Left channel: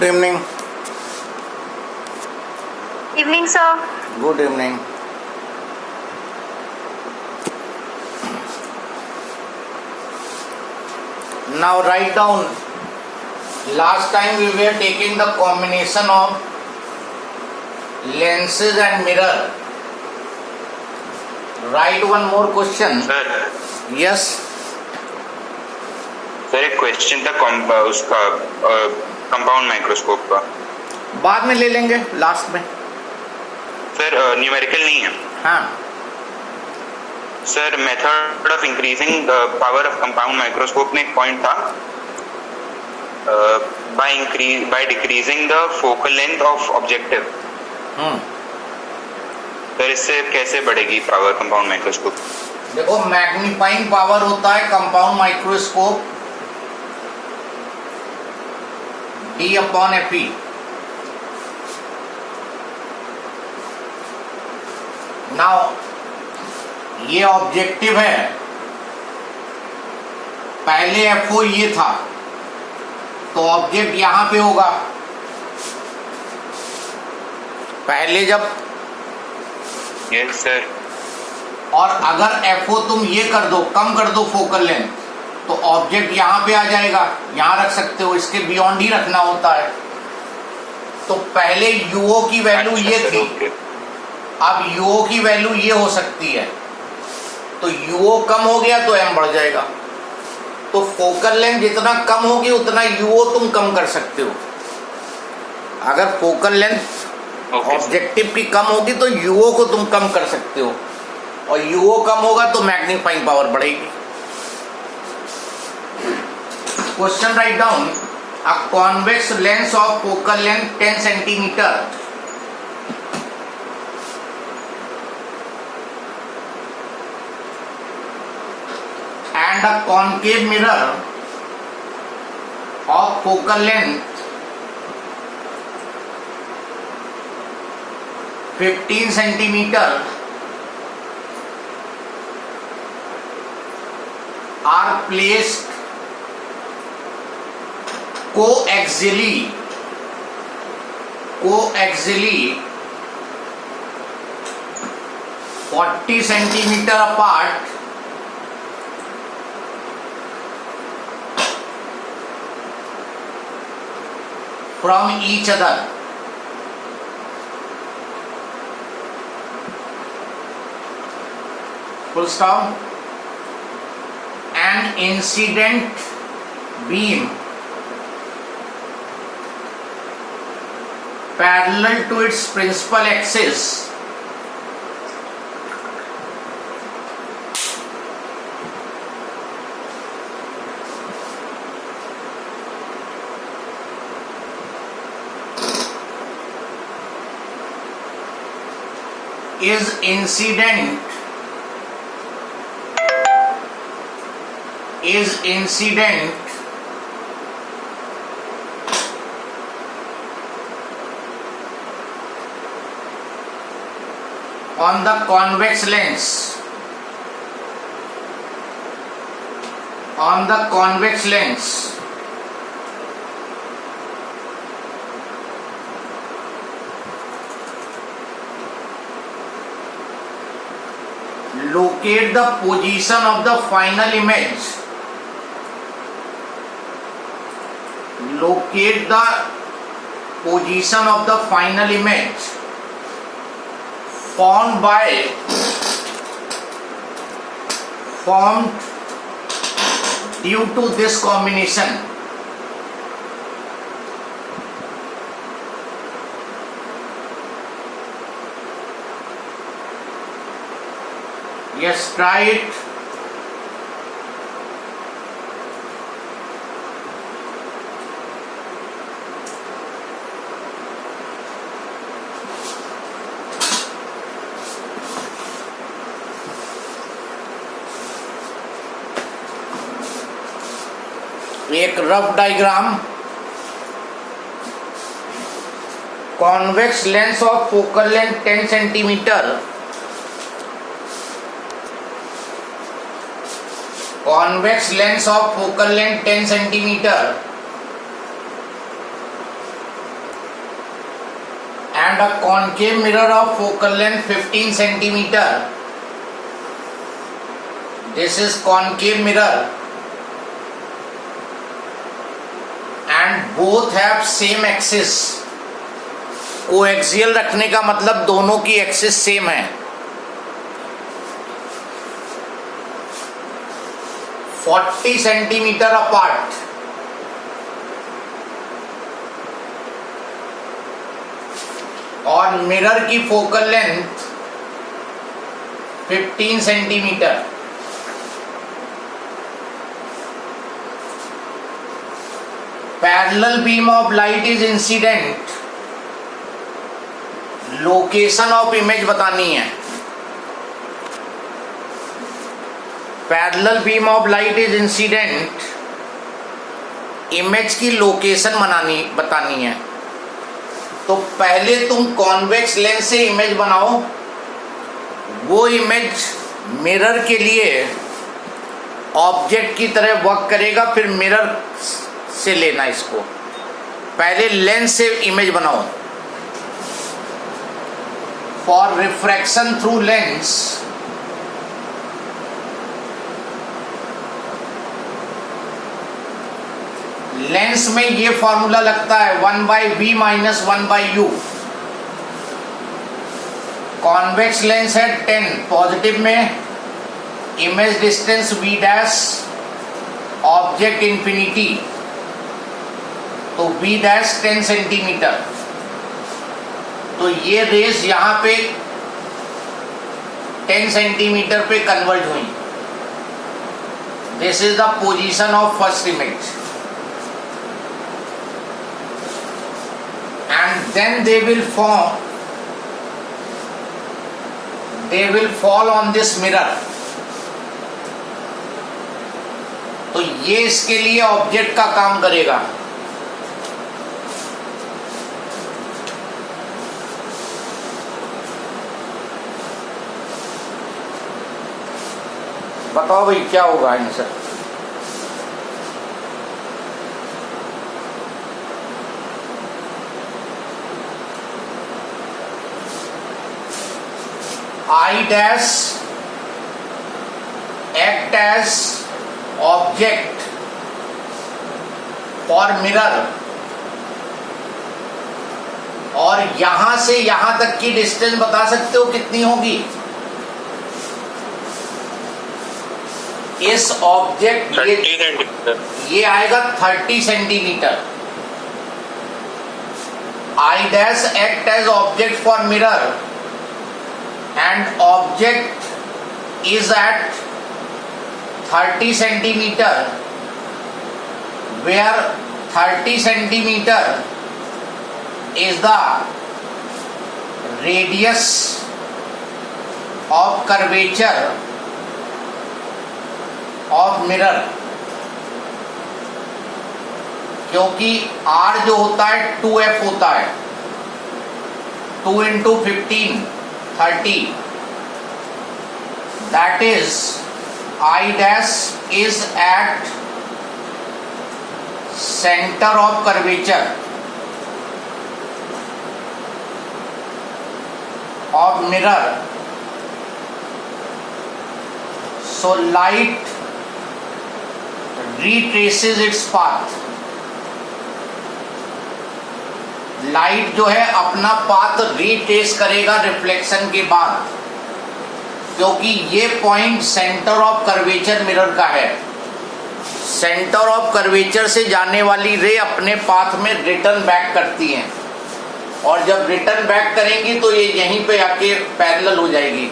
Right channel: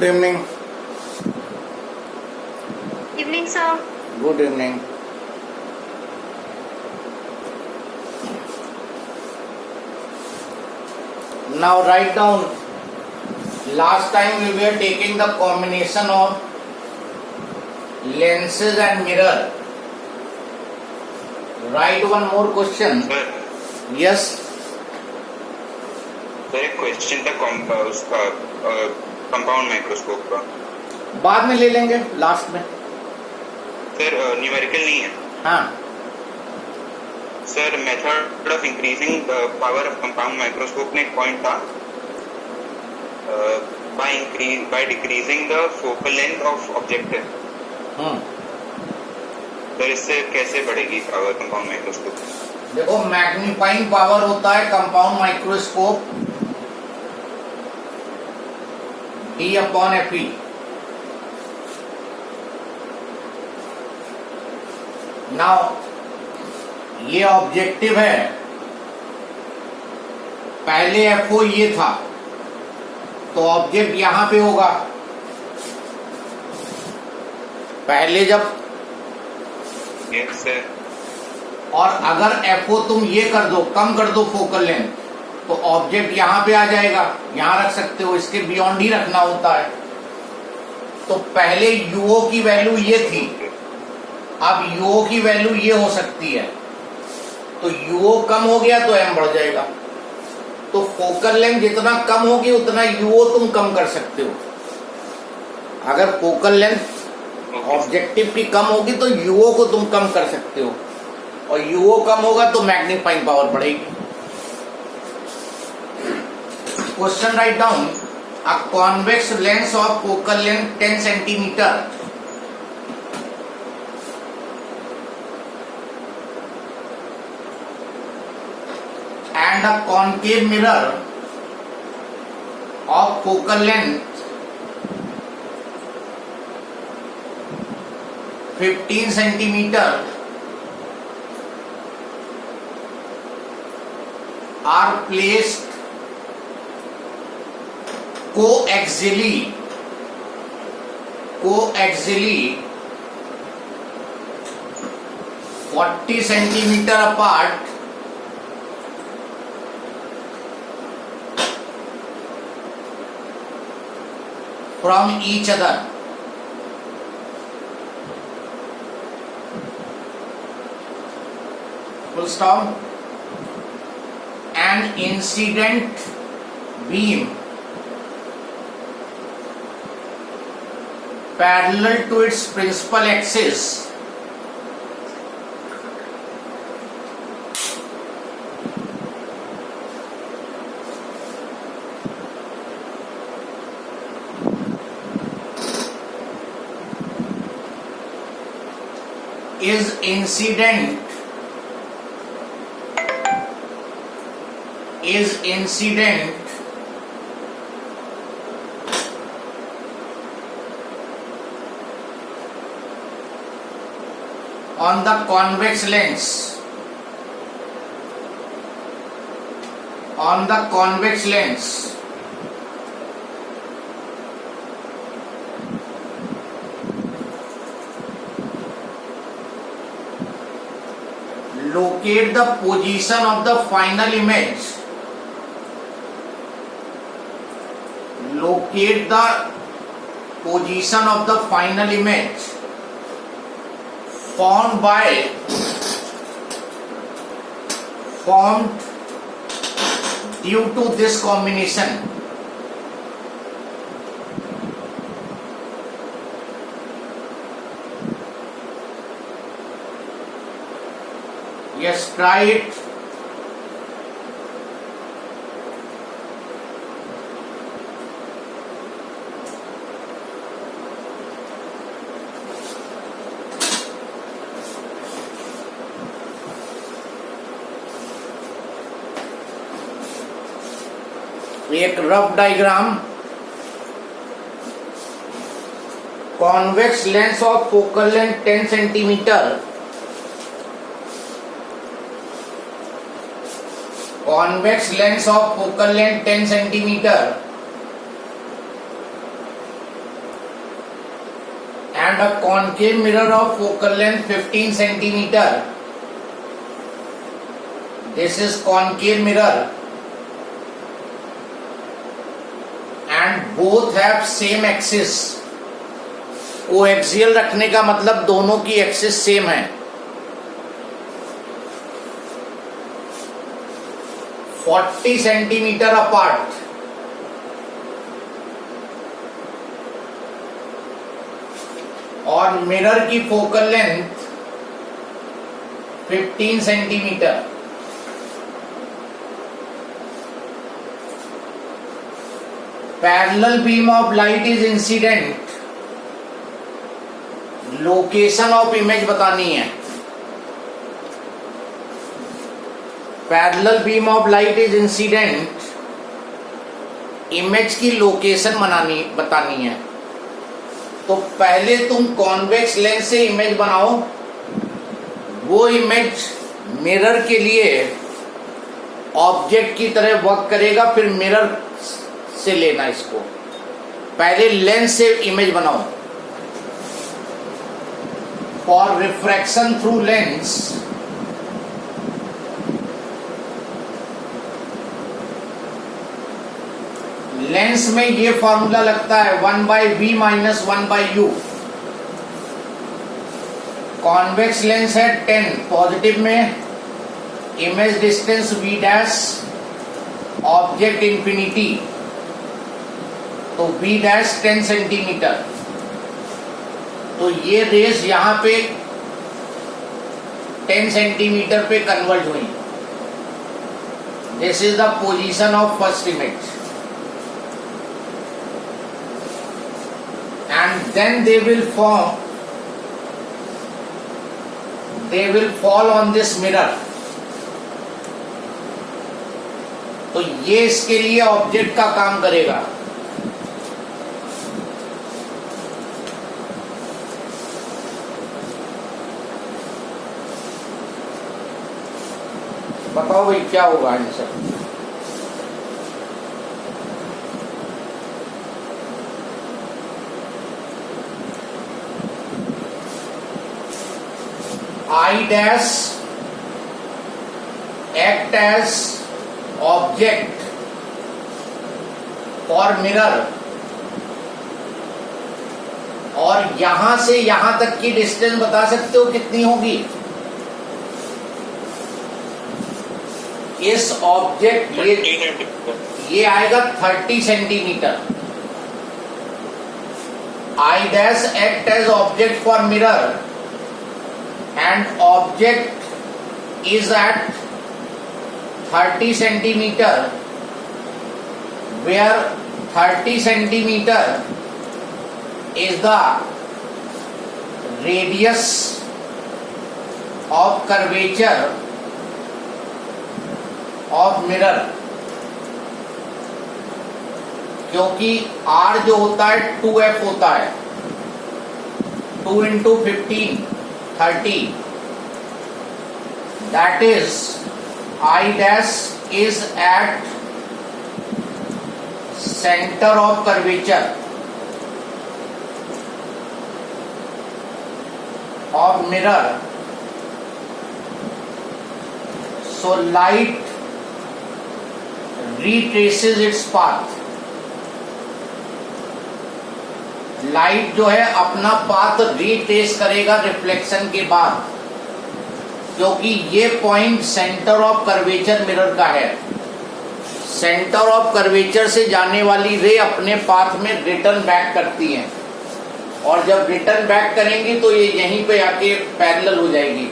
Good evening. Evening, sir. Good evening. Now write down. Last time we were taking the combination of lenses and mirror. Write one more question. Sir Yes. Sir एक question था उसका compound microscope का. बाद में ले लेंगे last में. Sir numerical नहीं है. हाँ. Sir method of increasing the power of compound microscope में एक पॉइंट था by decreasing the focal length of objective. Sir इससे कैसे बढ़ेगी पावर कंपाउंड माइक्रोस्कोप? देखो, मैग्नीफाइंग पावर होता है कंपाउंड माइक्रोस्कोप D/Fe. नाउ ये ऑब्जेक्टिव है. पहले FO ये था तो ऑब्जेक्ट यहां पे होगा. पहले जब यस सर. और अगर FO तुम ये कर दो, कम कर दो फोकल लेंथ, तो ऑब्जेक्ट यहां पे आ जाएगा. यहां रख सकते हो, इसके बियॉन्ड ही रखना होता है. तो पहले UO की वैल्यू ये थी, अब UO की वैल्यू ये हो सकती है. तो UO कम हो गया तो M बढ़ जाएगा. तो फोकल लेंथ जितना कम होगी उतना UO तुम कम कर सकते हो. अगर फोकल लेंथ ऑब्जेक्टिव की कम होगी तो UO को तुम कम कर सकते हो, और UO कम होगा तो मैग्नीफाइंग पावर बढ़ेगी. Question write down. A convex lens of focal length 10 centimetre and a concave mirror of focal length 15 centimeter are placed coaxially 40 centimeter apart from each other. Full stop. An incident beam parallel to its principal axis is incident on the convex lens locate the position of the final image. Locate the position of the final image formed due to this combination. Yes, try it. एक rough diagram. Convex lens of focal length 10 centimetre. Convex lens of focal length 10 centimeter and a concave mirror of focal length 15 centimeter. This is concave mirror and both have same axis. Coaxial रखने का मतलब दोनों की axis same है. 40 centimetre apart. और mirror की focal length 15 centimetre. Parallel beam of light is incident. Location of image बतानी है. Parallel beam of light is incident. Image की लोकेशन बतानी है. तो पहले तुम कॉन्वेक्स लेंस से इमेज बनाओ. वो इमेज मिरर के लिए ऑब्जेक्ट की तरह वर्क करेगा. फिर मिरर से लेना इसको. पहले लेंस से इमेज बनाओ. For refraction through lens lens में ये फॉर्मूला लगता है 1/v minus 1/u. Convex lens है 10. पॉजिटिव में image distance v dash, object infinity, तो v डैश 10 सेंटीमीटर. तो ये रेस यहां पे 10 सेंटीमीटर पे कन्वर्ट हुई. This is the position of first image. And then they will fall on this mirror. तो ये इसके लिए ऑब्जेक्ट का काम करेगा. बताओ भाई क्या होगा answer. I dash act as object for mirror. और यहां से यहां तक की डिस्टेंस बता सकते हो कितनी होगी. इस ऑब्जेक्ट ये आएगा 30 centimetre. I dash act as object for mirror and object is at 30 centimeter, where 30 centimeter is the radius of curvature of mirror. क्योंकि R जो होता है 2f होता है. 2 into 15 30. That is I dash is at center of curvature of mirror. So light retraces its path. Light जो है अपना path retrace करेगा रिफ्लेक्शन के बाद. क्योंकि ये point centre of curvature mirror का है. सेंटर ऑफ कर्वेचर से जाने वाली रे अपने पाथ में रिटर्न बैक करती हैं. और जब रिटर्न बैक करेंगी तो ये यहीं पे आके पैरेलल हो जाएगी.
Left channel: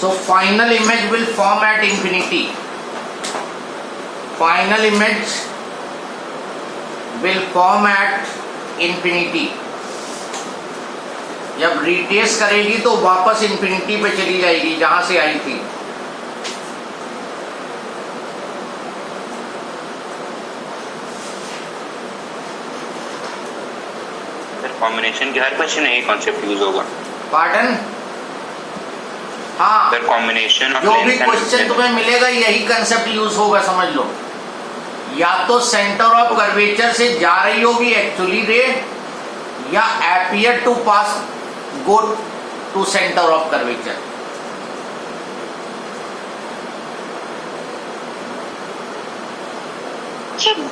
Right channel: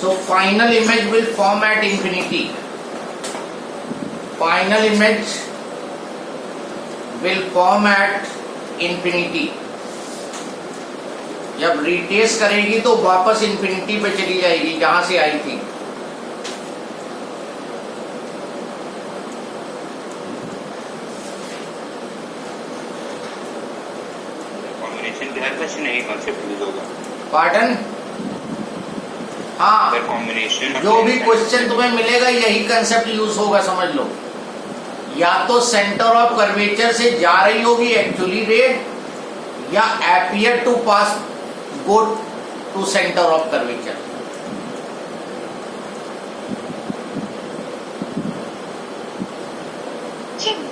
So final image will form at infinity. Final image will form at infinity. जब रिट्रेस करेगी तो वापस इंफिनिटी पे चली जाएगी जहां से आई थी. कॉम्बिनेशन की हर क्वेश्चन यही कॉन्सेप्ट यूज होगा. पार्डन. हाँ, कॉम्बिनेशन जो भी क्वेश्चन तुम्हें मिलेगा यही कंसेप्ट यूज होगा. समझ लो या तो सेंटर ऑफ कर्वेचर से जा रही होगी एक्चुअली रे, या appear to pass go to center of curvature.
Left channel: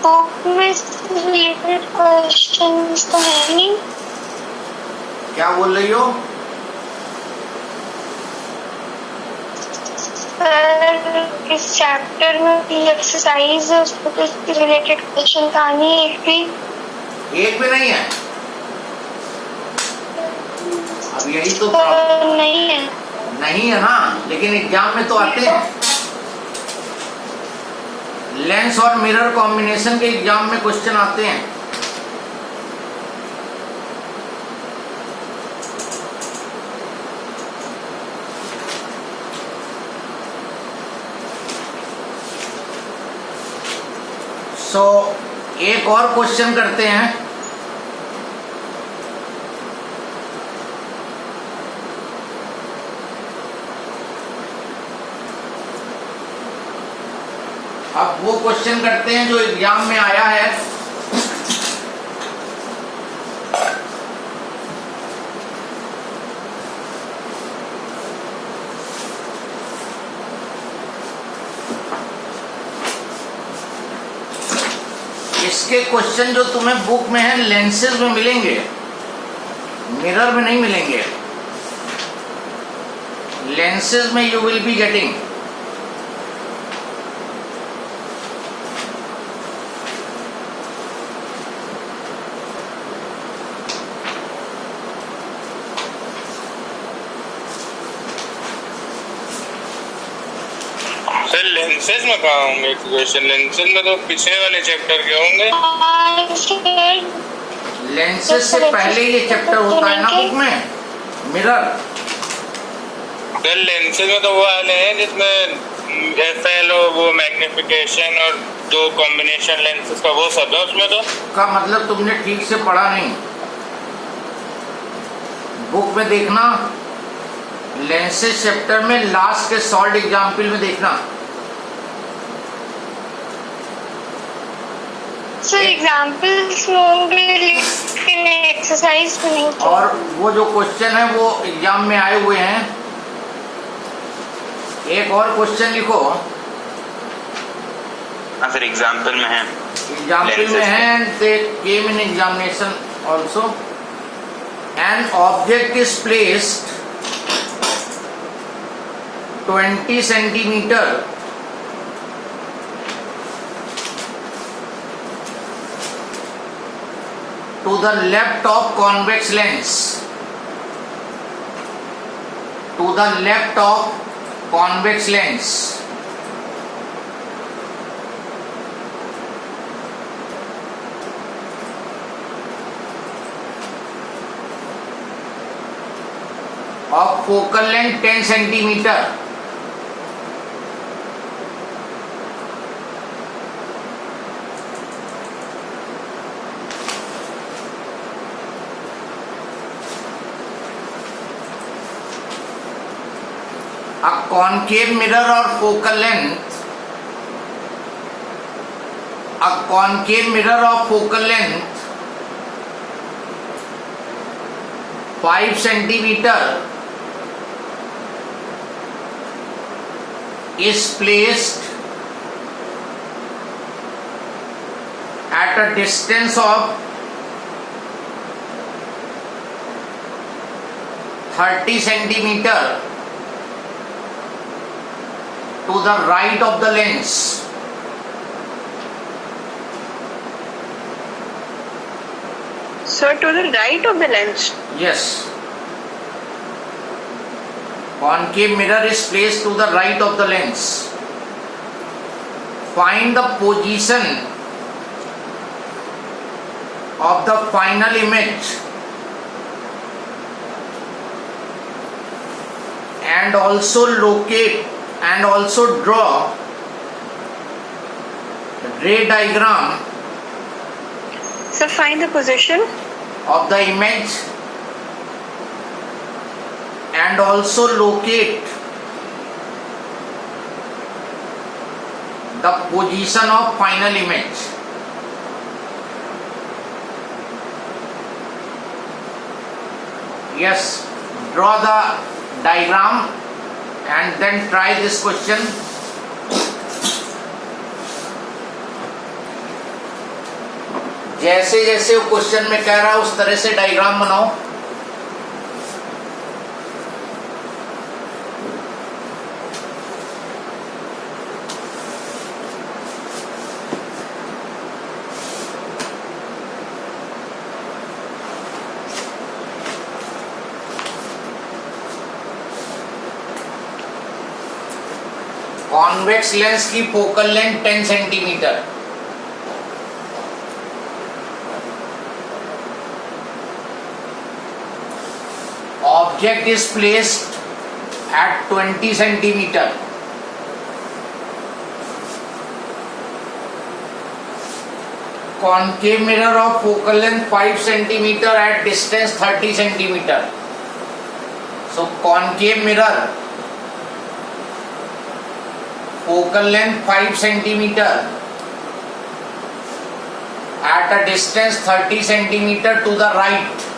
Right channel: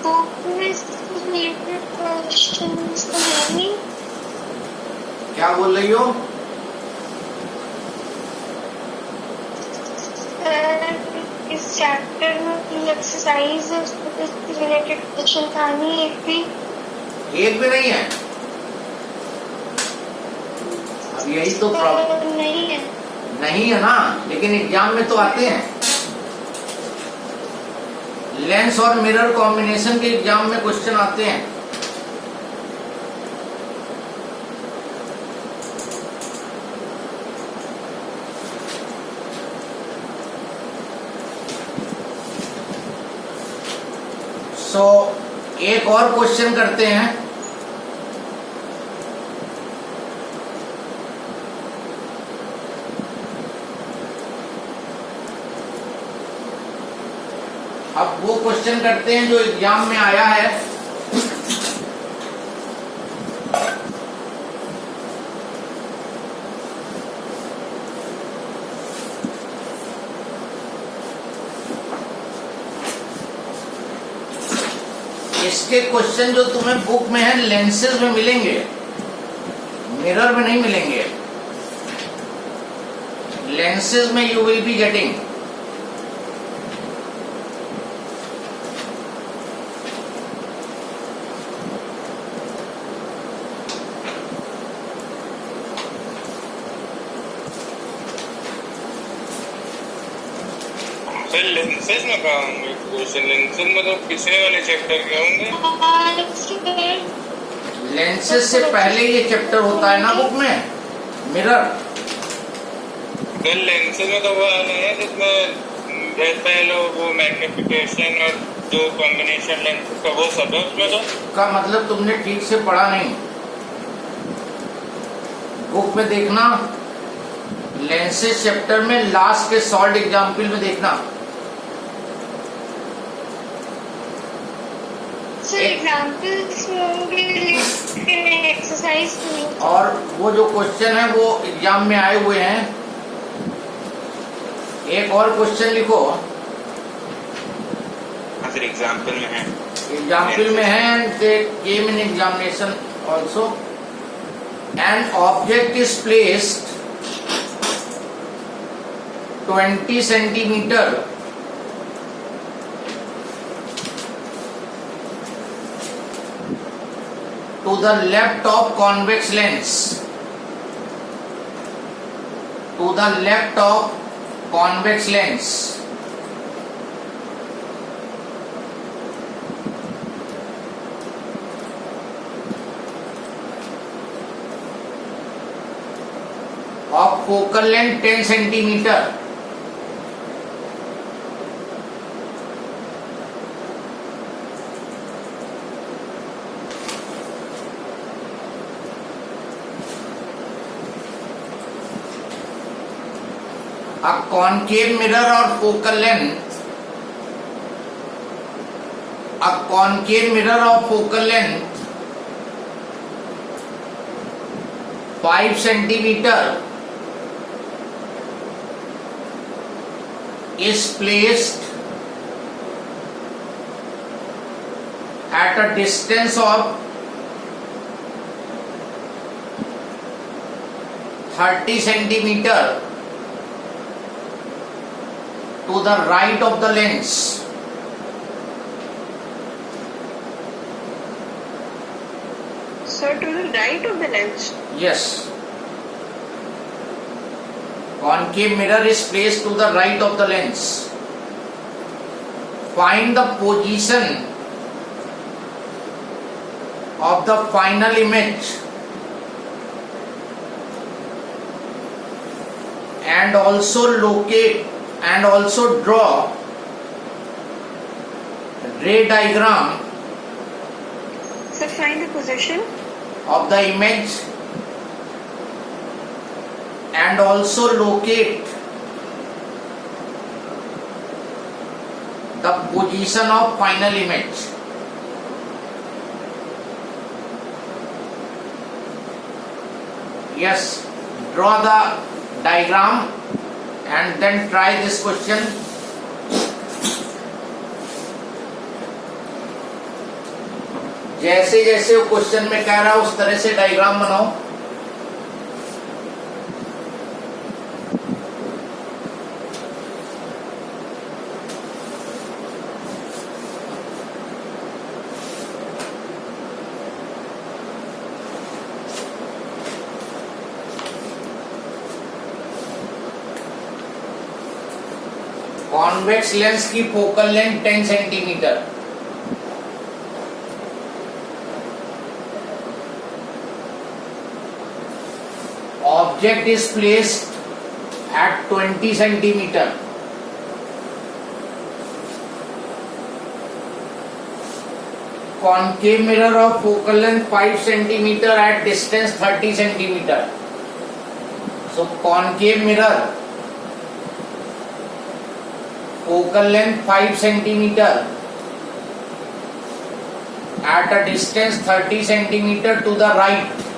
Book में रिलेटेड क्वेश्चंस तो है नहीं। क्या बोल रही हो? इस चैप्टर में एक्सरसाइज उसके रिलेटेड क्वेश्चन का नहीं एक भी नहीं है। अब यही तो प्रॉब्लम नहीं है ना, लेकिन एग्जाम में तो आते हैं। लेंस और मिरर कॉम्बिनेशन के एग्जाम में क्वेश्चन आते हैं। एक और क्वेश्चन करते हैं। अब वो क्वेश्चन करते हैं जो एग्जाम में आया है। इसके क्वेश्चन जो तुम्हें बुक में है लेंसेज में मिलेंगे, मिरर में नहीं मिलेंगे। लेंसेज में you will be getting. Sir lenses में कहा होंगे क्वेश्चन? लेंसेज में तो पिछले वाले चैप्टर के होंगे। लेंसेज से पहले ये चैप्टर होता है ना बुक में, मिरर। सर लेंसेज में तो वो वाले हैं जिसमें एफएल और वो मैग्निफिकेशन और दो कॉम्बिनेशन लेंसेज का वो सब है उसमें। तो का मतलब तुमने ठीक से पढ़ा नहीं। बुक में देखना, लेंसेज चैप्टर में लास्ट के शॉर्ट एग्जाम्पल में देखना। सर एग्जाम्पल्स होंगे लेकिन एक्सरसाइज नहीं। और वो जो क्वेश्चन है वो एग्जाम में आए हुए हैं। एक और क्वेश्चन लिखो। हाँ सर एग्जाम्पल में है। एग्जाम्पल में है, they came in examination also. An object is placed 20 centimetre to the left of convex lens, to the left of convex lens, of focal length 10 centimeter. A concave mirror or focal length, a concave mirror of focal length 5 centimeter is placed at a distance of 30 centimeter to the right of the lens. So to the right of the lens. Yes. Concave mirror is placed to the right of the lens. Find the position of the final image and also locate and also draw ray diagram So find the position of the image and also locate the position of final image. Yes, draw the diagram and then try this question. जैसे जैसे वो question में कह रहा है उस तरह से डायग्राम बनाओ. कॉन्वेक्स लेंस की focal length 10 centimetre. Object is placed at 20 centimeter. Concave mirror of focal length 5 centimeter at distance 30 centimeter. So concave mirror, focal length 5 centimeter at a distance 30 centimeter to the right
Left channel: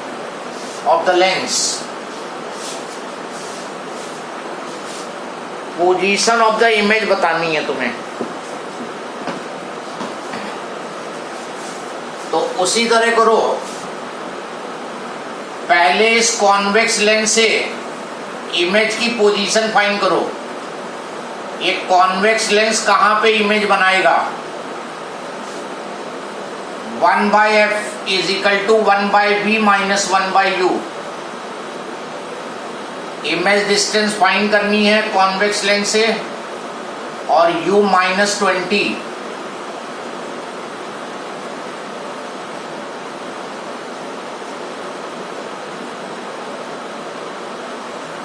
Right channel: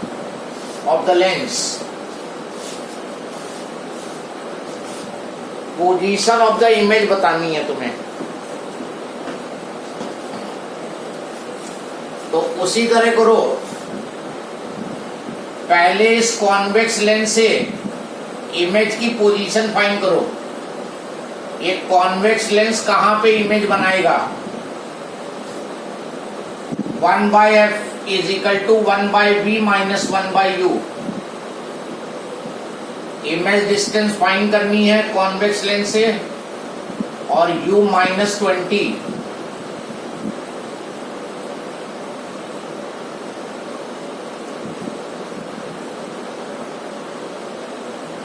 of the lens. Position of the image बतानी है तुम्हें. तो उसी तरह करो. पहले इस convex lens से इमेज की पोजीशन फाइंड करो. ये कॉन्वेक्स लेंस कहां पे इमेज बनाएगा? 1/f is equal to 1/v minus 1/u. Image distance find करनी है कॉन्वेक्स लेंस से और u -20.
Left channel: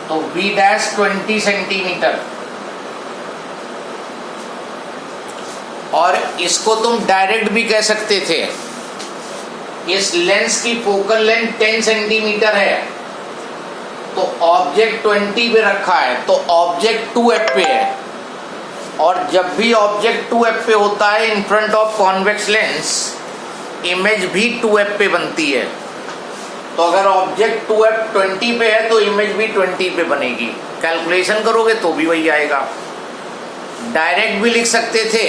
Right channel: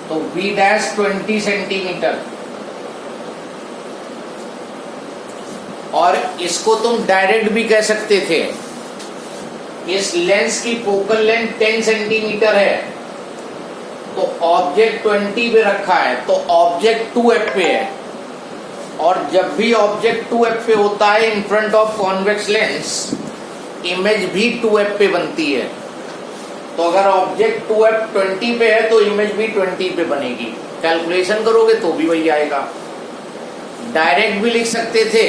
तो v डैश 20 सेंटीमीटर. और इसको तुम डायरेक्ट भी कह सकते थे. इस लेंस की फोकल लेंथ 10 सेंटीमीटर है तो ऑब्जेक्ट 20 पे रखा है तो ऑब्जेक्ट 2f पे है. और जब भी ऑब्जेक्ट 2f पे होता है in front of convex lens image भी 2f पे बनती है. तो अगर ऑब्जेक्ट 2f 20 पे है तो इमेज भी 20 पे बनेगी. कैलकुलेशन करोगे तो भी वही आएगा. डायरेक्ट भी लिख सकते थे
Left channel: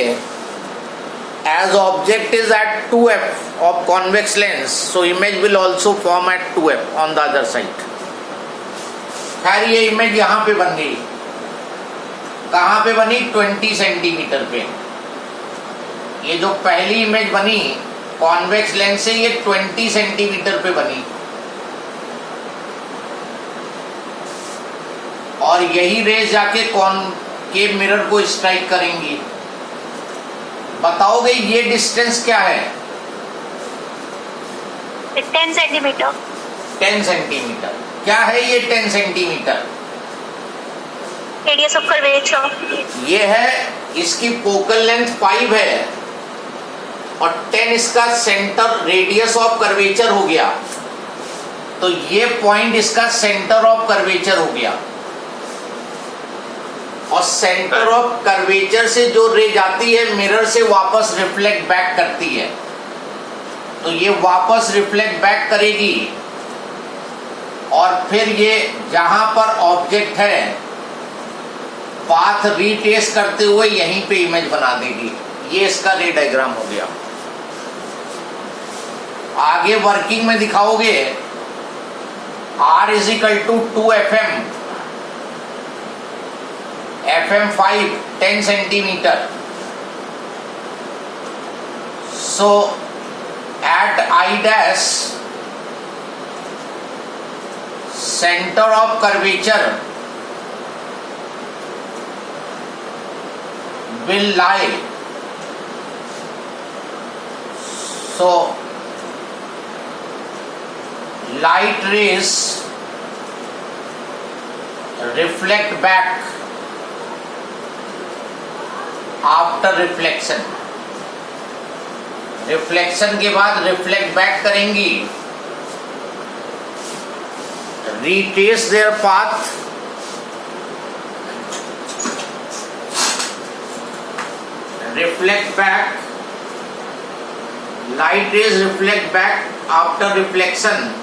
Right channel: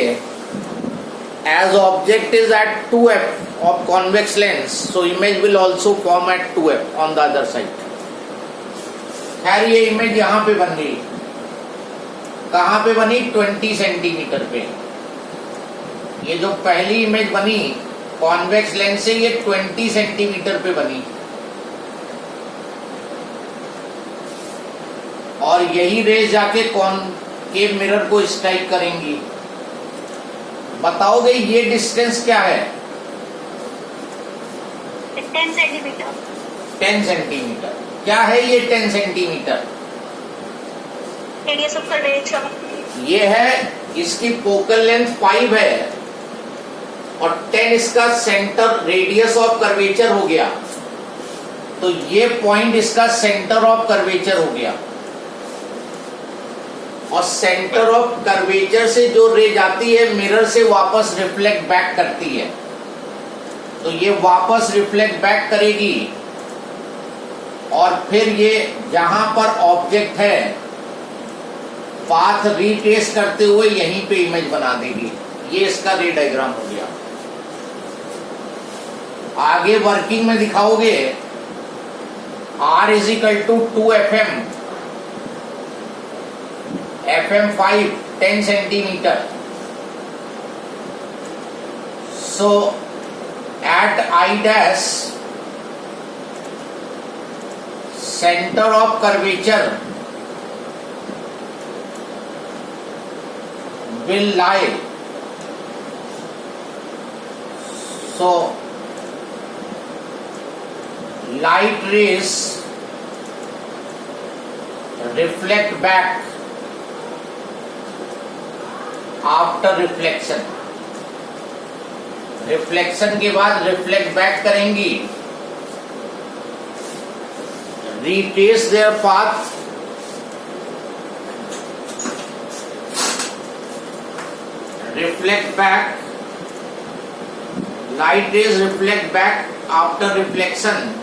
as object is at 2f of convex lens so image will also form at 2f on the other side. खैर ये इमेज यहां पे बन गई. कहां पे बनी? 20 सेंटीमीटर पे. ये जो पहली इमेज बनी कॉन्वेक्स लेंस से ये 20 सेंटीमीटर पे बनी और यही रेज जाके कॉनकेव मिरर को स्ट्राइक करेंगी. बताओगे ये डिस्टेंस क्या है? 10 सेंटीमीटर. 10 सेंटीमीटर. क्या है ये 10 सेंटीमीटर? Radius of curvature. ये है इसकी फोकल लेंथ 5 है और 10 इसका सेंटर रेडियस ऑफ कर्वेचर हो गया. तो ये पॉइंट इसका सेंटर ऑफ कर्वेचर हो गया और सेंटर ऑफ कर्वेचर से जो रे जाती है मिरर से वापस रिफ्लेक्ट बैक करती है. तो ये वापस रिफ्लेक्ट बैक करेगी और फिर ये जहां पर ऑब्जेक्ट है पाथ रीट्रेस करते हुए यहीं पे इमेज बना देगी. ये इसका रे डायग्राम हो गया. आगे वर्किंग में दिखाओगे R is equal to 2fm. FM5 10 centimeter. So at I dash center of curvature will lie. So light rays reflect back after reflection. Reflection के बाद रिफ्लेक्ट बैक करेंगी, retrace there path reflect back, light rays reflect back, after reflection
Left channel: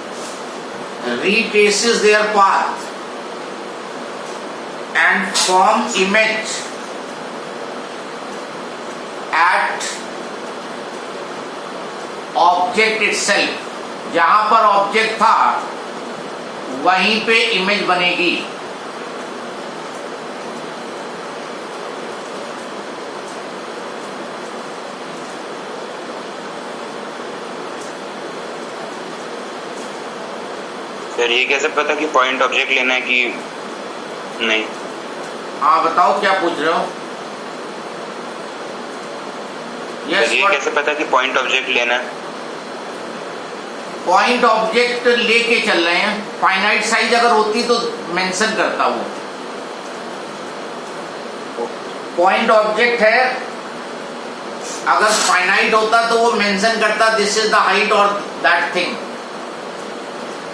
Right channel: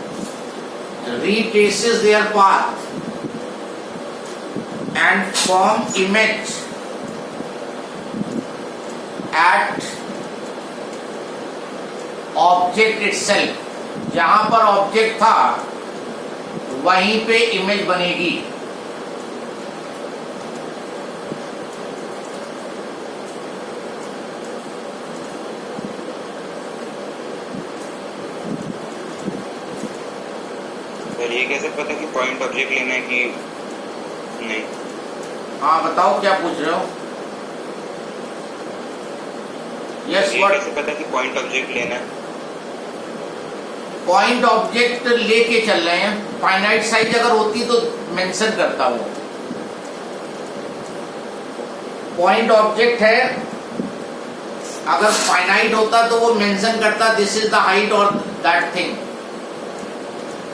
retraces their path and form image at object itself. जहां पर object था वहीं पे image बनेगी. Sir ये कैसे पता कि पॉइंट ऑब्जेक्ट लेना है कि नहीं? हाँ बताओ क्या पूछ रहे हो? सर ये कैसे पता कि पॉइंट ऑब्जेक्ट लेना है? पॉइंट ऑब्जेक्ट लेके चल रहे हैं. फाइनाइट साइज अगर होती तो मेंशन करता वो. पॉइंट ऑब्जेक्ट है, अगर फाइनाइट होता तो वो मेंशन करता दिस इज द हाइट और दैट थिंग.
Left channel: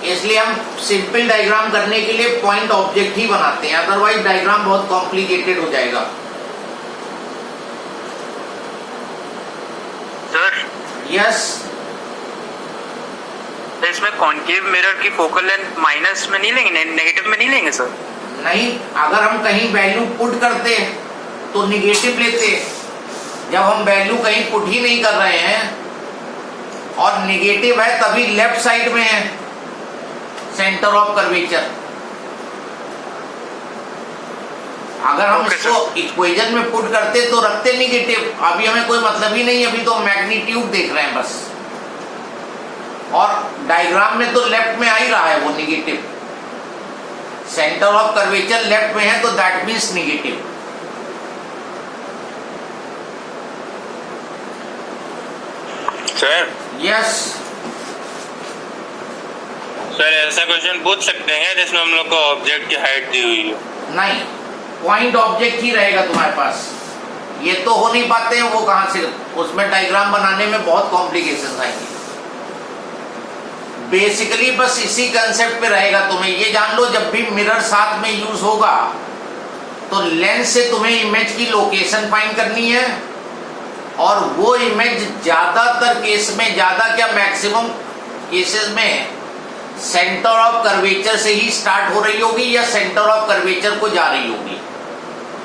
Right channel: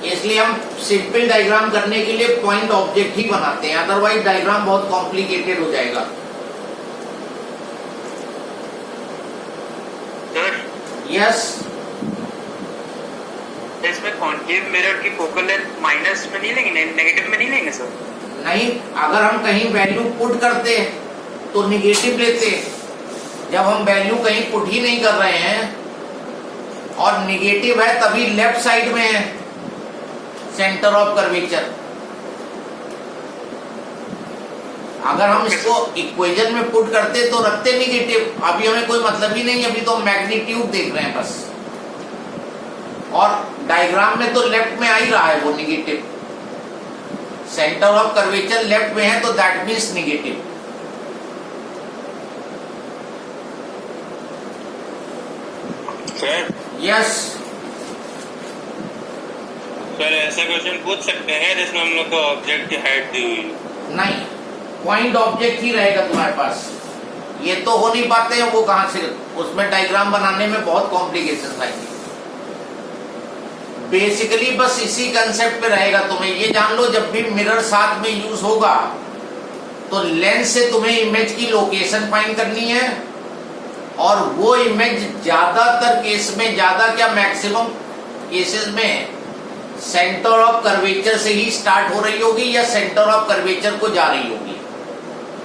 इसलिए हम सिंपल डायग्राम करने के लिए पॉइंट ऑब्जेक्ट ही बनाते हैं, अदरवाइज डायग्राम बहुत कॉम्प्लिकेटेड हो जाएगा. सर यस, इसमें कॉन्केव मिरर की फोकल लेंथ माइनस में नहीं लेंगे, नेगेटिव में नहीं लेंगे सर? नहीं, अगर हम कहीं वैल्यू पुट करते तो निगेटिव लेते. जब हम वैल्यू कहीं पुट ही नहीं कर रहे हैं और निगेटिव है तभी लेफ्ट साइड में है सेंटर ऑफ कर्वेचर. अगर हम इसको इक्वेशन में पुट करते तो रखते निगेटिव. अभी हमें कोई मतलब ही नहीं, अभी तो मैग्नीट्यूड देख रहे हैं बस. और डायग्राम में तो लेफ्ट में आ ही रहा है वो negative. Centre of curvature left में है तो that means negative. Sir yes sir ऐसा क्वेश्चन पूछ सकते हैं जिसमें हम लोग को ऑब्जेक्ट की हाइट दी हुई है? नहीं, पॉइंट ऑब्जेक्ट ही रहेगा तुम्हारे पास. ये तो हो नहीं पाते हैं, वो कहां से, उसमें डायग्राम बनाने में बहुत कॉम्प्लिकेशन आएगी. बेसिकली बस इसी कंसेप्ट पे रहेगा. तुम्हें ये जान लो जब भी मिरर साथ में यूज होगा तो लेंस से तुम्हें इमेज की लोकेशन फाइंड करनी है और वो इमेज ज्यादातर केस में, ज्यादा क्या मैक्सिमम केसेस में सेंटर ऑफ कर्वेचर से ही स्टार्ट हो रही होगी या सेंटर ऑफ कर्वेचर को जा रही होगी.